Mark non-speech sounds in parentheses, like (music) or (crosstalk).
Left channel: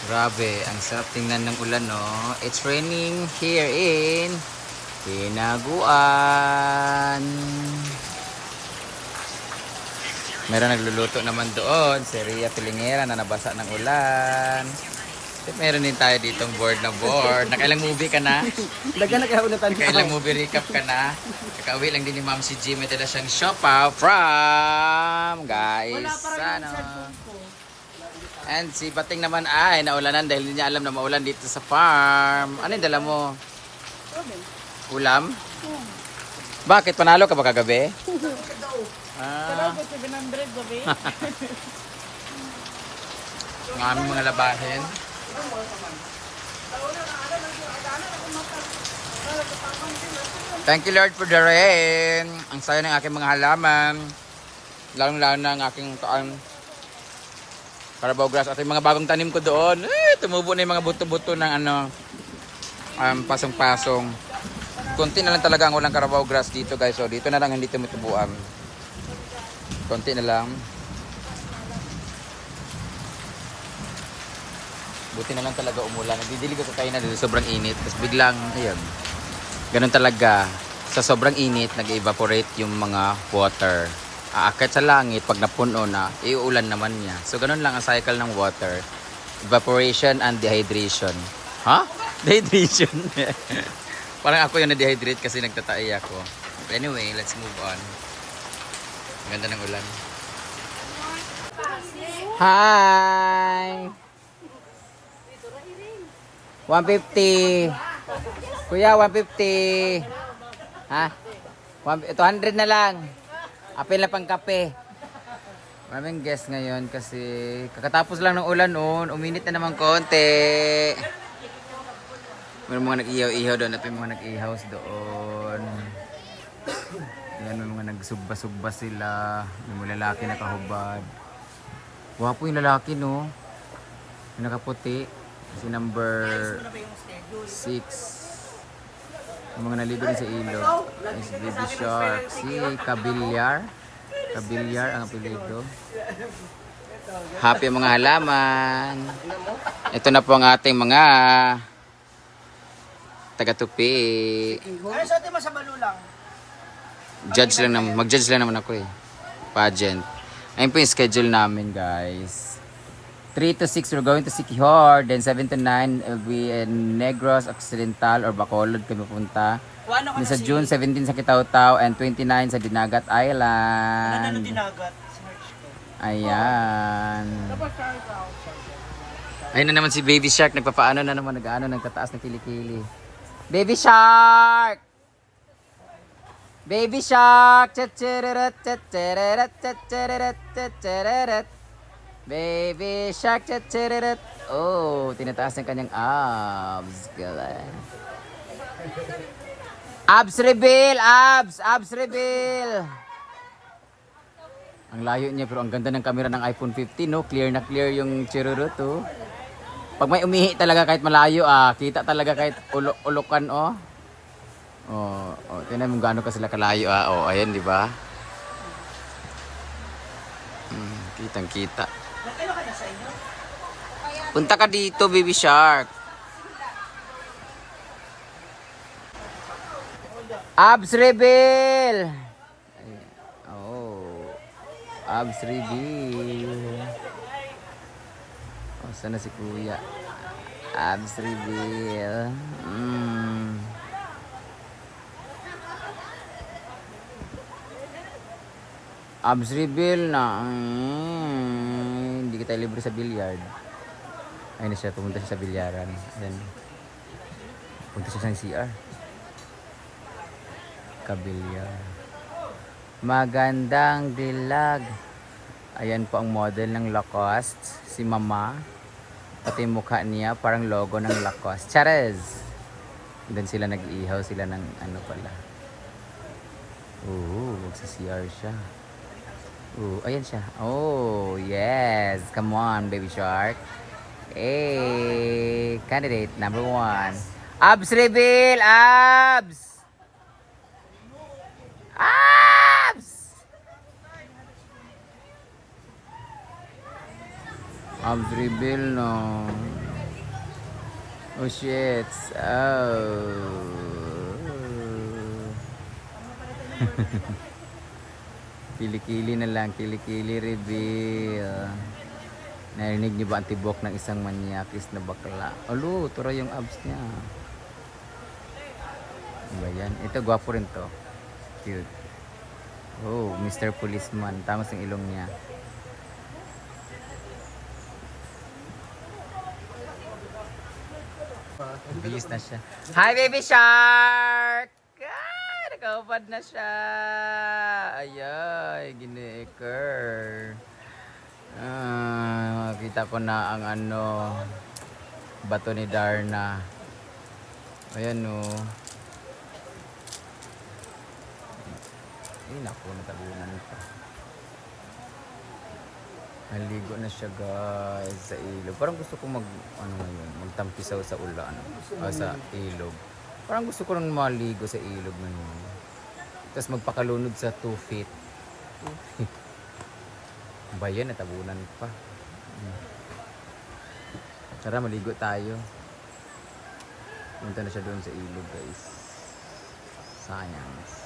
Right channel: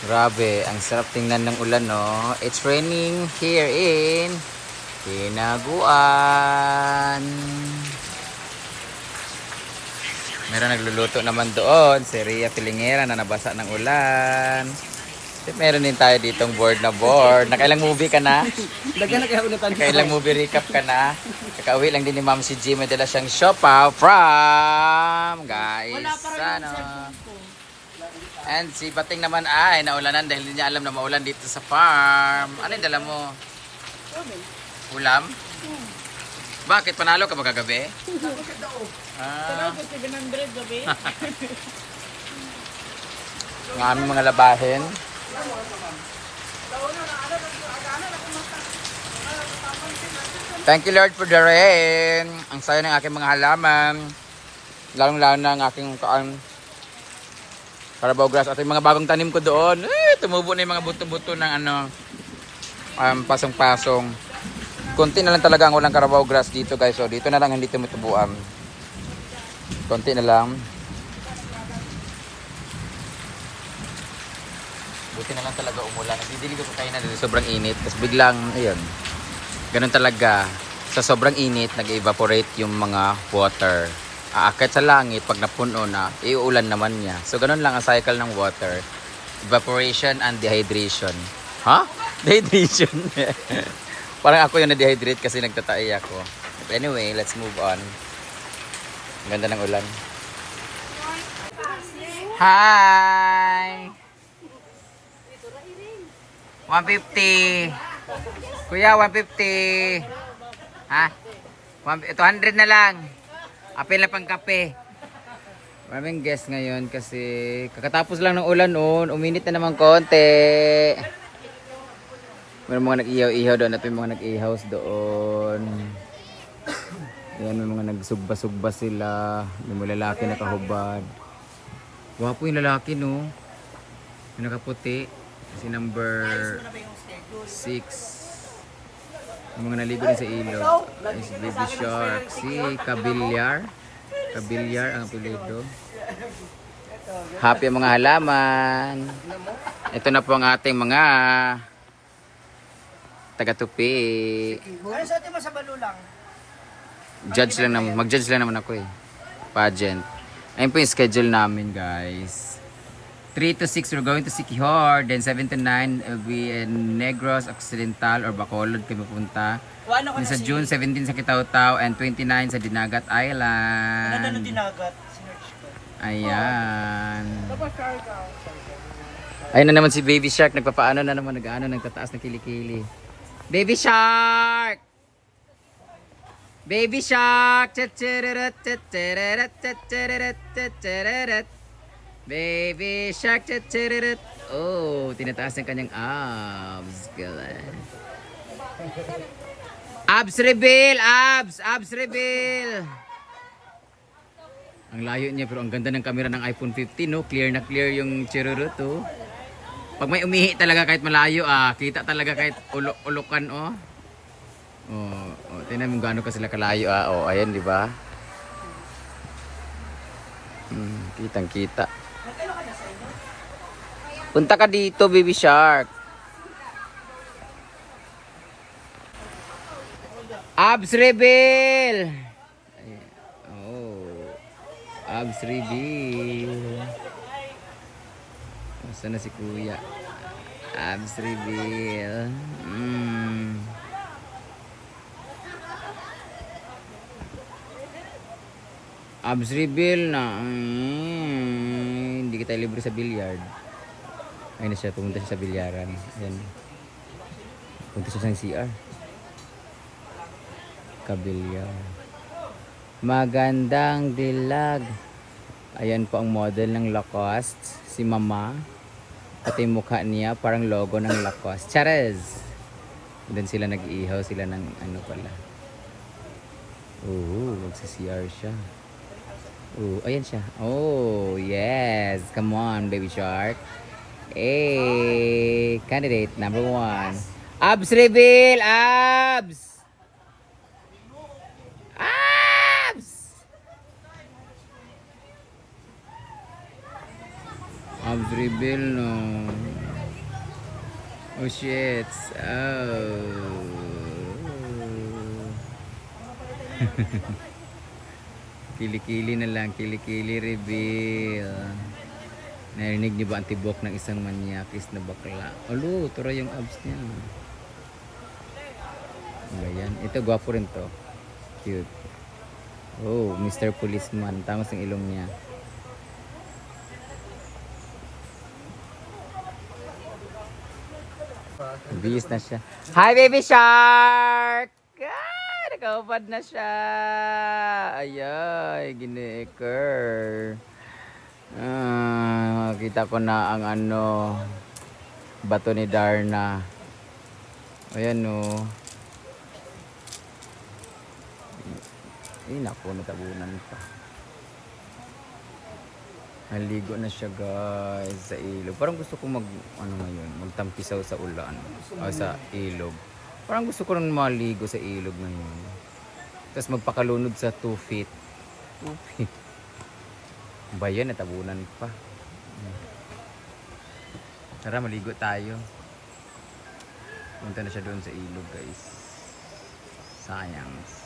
Grabe, ang sarap tingnan ng ulan, no? It's raining here in Tinaguan. Meron nagluluto naman doon, si Ria Pilingera na nabasa ng ulan. Meron din tayo ditong board na board. Nakailang movie ka na? (laughs) Dagan na kaya unatan Nakailang movie recap ka na? Kakauwi lang din ni Ma'am si Jimmy dala siyang siopaw from guys. Wala pa rin Ano? And si Bating naman ay naulanan dahil hindi niya alam na maulan dito sa farm. Ano yung dala mo? Ulam? Bakit? Panalo ka ba kagabi? (laughs) Ah, Ito 700 gabi. (laughs) ang aming mga labahin. Thank you Lord for the rain. Ang saya ng aking mga halaman. Lalong-lalo na ang aking kaan. Carabao grass at yung mga bagong tanim ko doon. Eh, tumubo na yung mga buto-buto ng ano, um, pasong-pasong. Konti na lang talaga ang walang Carabao grass dito guys. So dito na lang hindi tumutubuan. Konti na lang. Buti na lang talaga umulan. Nabibili ko tayo na dito sobrang init. Tapos biglang, ayun. Ganun talaga. Sa sobrang init, nag-evaporate yung mga water. Aakit sa langit, pag napuno na, iuulan naman niya. So, ganun lang ang cycle ng water. Evaporation and dehydration. Ha? (laughs) Dehydration. (laughs) Parang ako yung na-dehydrate kasi nagtatai ako. But anyway, let's move on. Ganda ng ulan. Hi! 150. Kuya, 150. Ha? 1 200 na lang. Apel na pang kape. Maraming guest ngayon kasi kakatapos lang ng ulan noon. Uminit na naman konti. May mga nag-ihaw-ihaw doon at may mga nag-ihaws doon. Yan, may mga nagsugba-sugba sila. May mga lalaki nakahubad. Wapo yung lalaki, no? Yung nakaputi. Si number 6. Yung mga naligo din sa ilog. Is Baby Shark. Si Kabilyar. Kabilyar ang apelido. Happy ang mga halaman. Ito na po ang ating mga taga-tupi. Ano sa atin mo sa balulang? Judge lang naman. Mag-judge lang naman ako eh. Pageant. Ayun po yung schedule namin guys. 3 to 6 we're going to Sikihor. Then 7 to 9 will be in Negros Occidental or Bacolod kami pupunta. Na sa. June 17 sa Kitaw-Taw and 29 sa Dinagat Ano na Island. dinagat? Sinerch ko. Ayan. Ayun na naman si Baby Shark. Nagpapaano na naman. Nag-ano, nagtataas ng kilikili. Baby Shark! Baby Shark! Tchitchiririt, tchitchiririt. Baby Shark! Tchitchiririt. Oh, tinataas ng kanyang abs. Galing. Abs reveal! Abs! Abs reveal! Ang layo niya pero ang ganda ng camera ng iPhone 15 no. Clear na clear yung chirurut oh. Pag may umihi talaga kahit malayo ah, kita talaga kahit ulo ulukan oh. Oh, oh tingnan mo gaano ka sila kalayo ah. Oh, ayan di ba? Hmm, kitang kita. Punta ka dito, baby shark. Abs reveal. Oh. Abs reveal. Oh, sana si kuya? Abs reveal. Mm. Abs reveal na. Mm. Hindi kita libre sa billiard. Ayun na siya, pumunta siya sa bilyaran. Ayan. Punta siya sa CR. Kabilyar. Magandang dilag. Ayan po ang model ng Lacoste. Si Mama. Pati mukha niya, parang logo ng Lacoste. Charez! Doon sila nag-iihaw sila ng ano pala. Oo, sa CR siya. Oo, ayan siya. Oh, yes. Come on, baby shark. Hey, candidate number one. Abs reveal! Abs! Abs! Abs reveal, no. Oh shit. Oh. (laughs) Kili-kili na lang, kili-kili reveal. Narinig niyo ba ang tibok ng isang manyakis na bakla? Alo, tura yung abs niya. Ano ba yan? Ito, gwapo rin to. Cute. Oh, Mr. Policeman. Tangos ang ilong niya. Bis na siya. Hi, baby shark! Ah, nakaupad na siya. Ayay, giniker. Ah, makita ko na ang ano, bato ni Darna. Ayan o. Ay, naku, natabunan pa. Naligo na siya guys sa ilog. Parang gusto ko mag ano ngayon, magtampisaw sa ulan o sa ilog. Parang gusto ko rin maligo sa ilog ngayon. Tapos magpakalunod sa 2 feet. 2 feet. Bayan, natabunan pa. Tara, maligo tayo. Punta na siya doon sa ilog guys. Sayang.